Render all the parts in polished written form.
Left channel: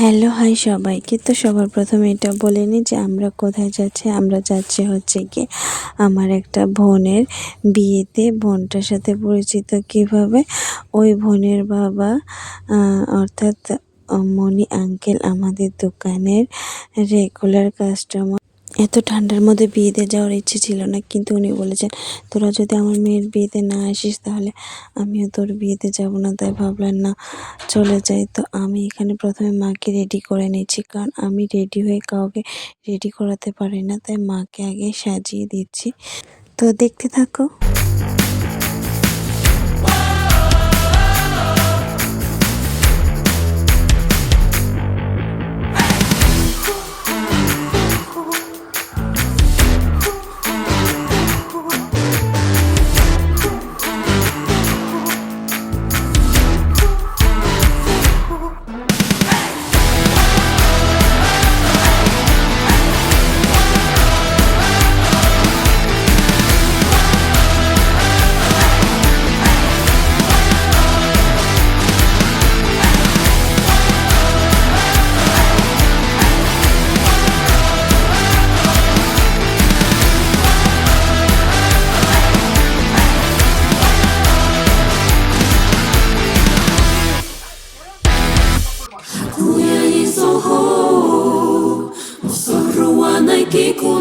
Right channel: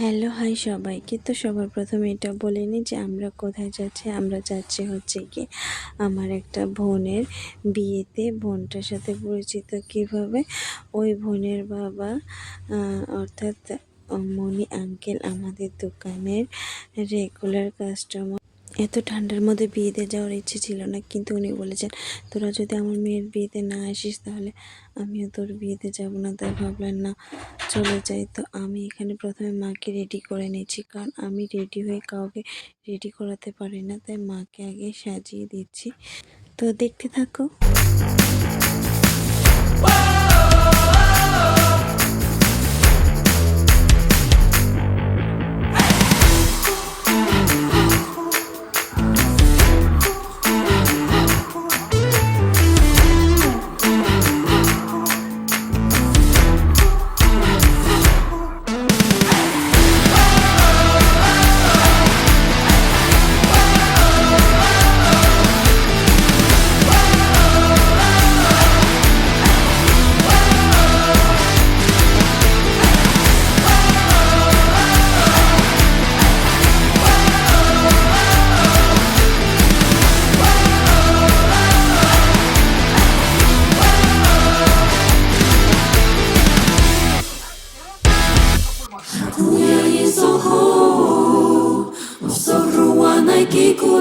Hello hi সবাইকে। তো সবার প্রথমে এটা বলে নিই যে আমরা কোথায় যাচ্ছি। আমরা যাচ্ছি হচ্ছে কি আমার একটা বোনের বিয়েতে। বোনটার সাথে পরিচিত কিভাবে, ওই বোনের বাবা অর্থাৎ মনি আঙ্কেল আমাদের দোকানের রেগুলার কাস্টমার। এত ঠান্ডার মধ্যে বিয়েতে যাওয়ার ইচ্ছে ছিল না, কিন্তু উনি বলেছেন তোরা যদি আমার মেয়ের বিয়েতে না আসিস তাহলে আমিও তোর বিয়েতে যাব না। তাই ভাবলাম না চলে যাই। তো আমি এখানে প্রথমে মাকে রেডি করে নিচ্ছি, কারণ আমি রেডি হয়ে কাউকে রেডি করাতে পারি না, তাই মাকে আগে সাজিয়ে দিচ্ছি। তো দেখতে থাকো।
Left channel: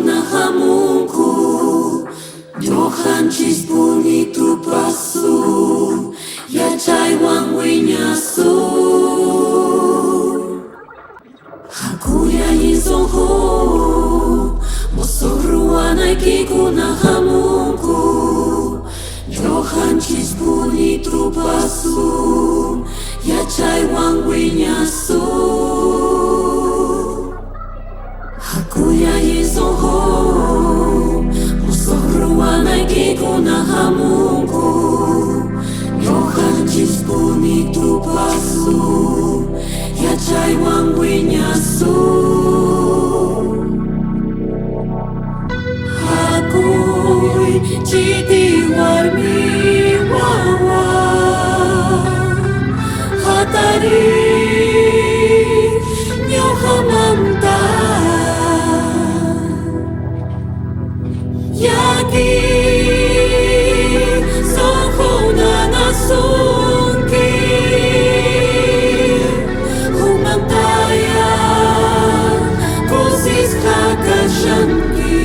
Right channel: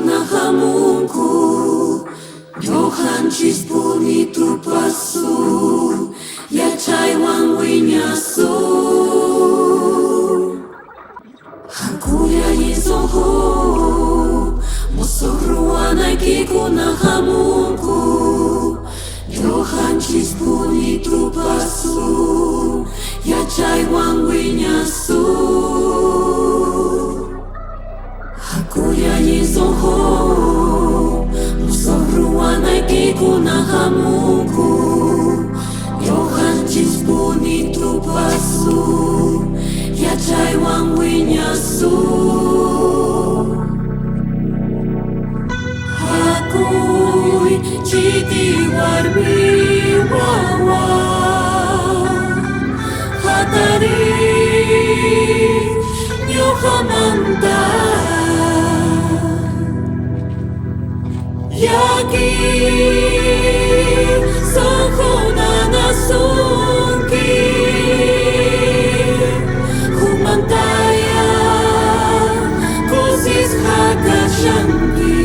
Na Mungu, Johan bonito passo, ya chaiwan winyaso. Hakuya yizoho, mosoruana kiko na Mungu, Johan bonito passo, ya chaiwan winyaso. Hakuya yizoho, mosoruana kiko na Mungu, Johan bonito passo, ya chaiwan winyaso. Hakuy chiti warmi wawa, hatari nyohamanta. Yaki sahuna nasunki humantaya kusis hakashanki.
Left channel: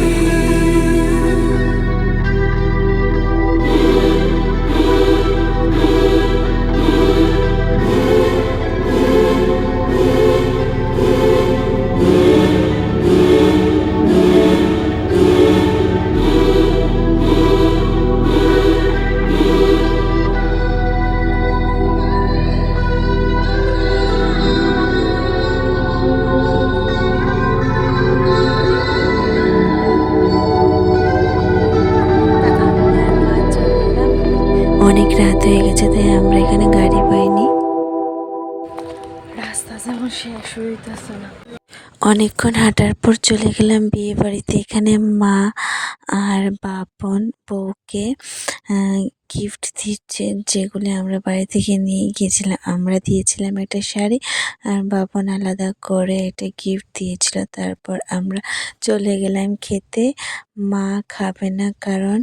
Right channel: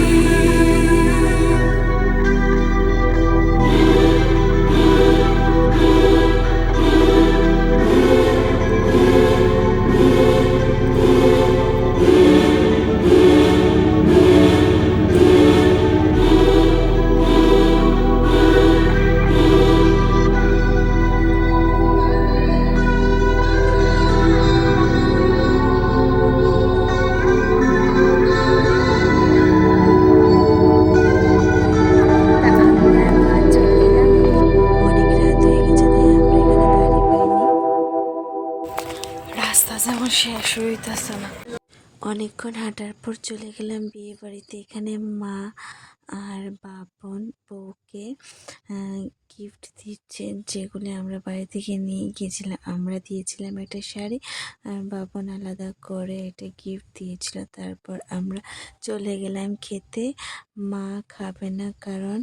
অনেক রাত হয়ে গেছে, তাই আমরা এখানে গাড়ি পাইনি। রাস্তা যেমন শেষ হইতেছে না। অনেকক্ষণ হাঁটার পর চলে গেলাম বিয়ে বাড়িতে। এখানে মা আর বাপন বউকে গিফট দিচ্ছে, যেগুলি আমরা বাড়ি থেকে নিয়ে গিয়েছিলাম। আমরা দিয়েছিলাম একটা শাড়ি, আর বাপন আলাদা করে একটা গিফট দিয়েছিল। তারপর আমরা চলে গেলাম খেতে। মা খাবে না, কারণ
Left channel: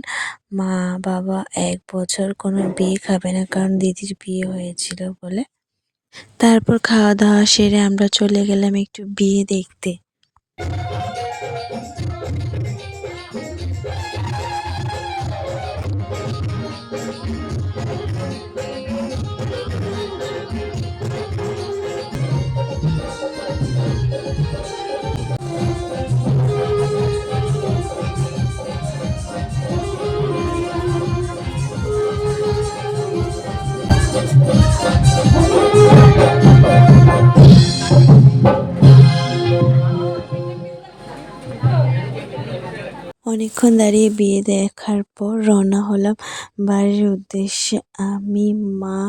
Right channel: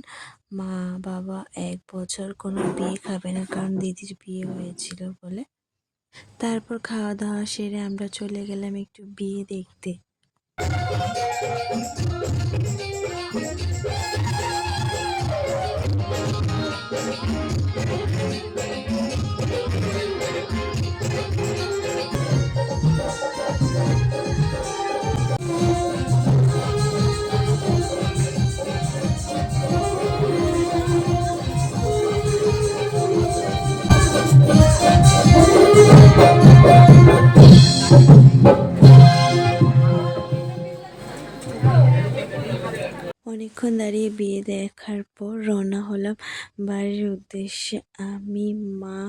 মা বাবা 1 বছর কোনো বিয়ে খাবে না, কারণ দিদির বিয়ে হয়েছিল বলে। তারপর খাওয়া দাওয়া সেরে আমরা চলে গেলাম একটু বিয়ে দেখতে। অনেকক্ষণ দাঁড়িয়ে বিয়ে দেখার পর রওনা হলাম বাড়ির উদ্দেশ্যে। আমি, মা,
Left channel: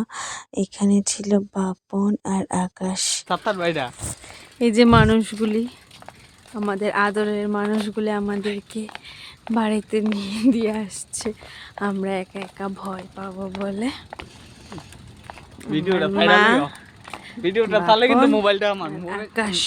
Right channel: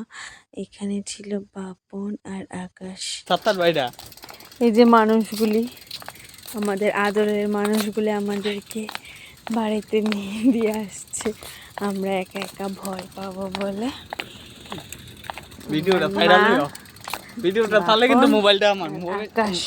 এখানে ছিল বাপন আর আকাশ। এই যে মানুষগুলি, আমাদের আদরের মানুষগুলি আমাদেরকে বাড়িতে নিয়ে দিয়ে আসছে। আমরা একা একা ভয় পাবো বলে। ভিডিওটা তাহলে কিন্তু মোবাইলটা আমার আকাশ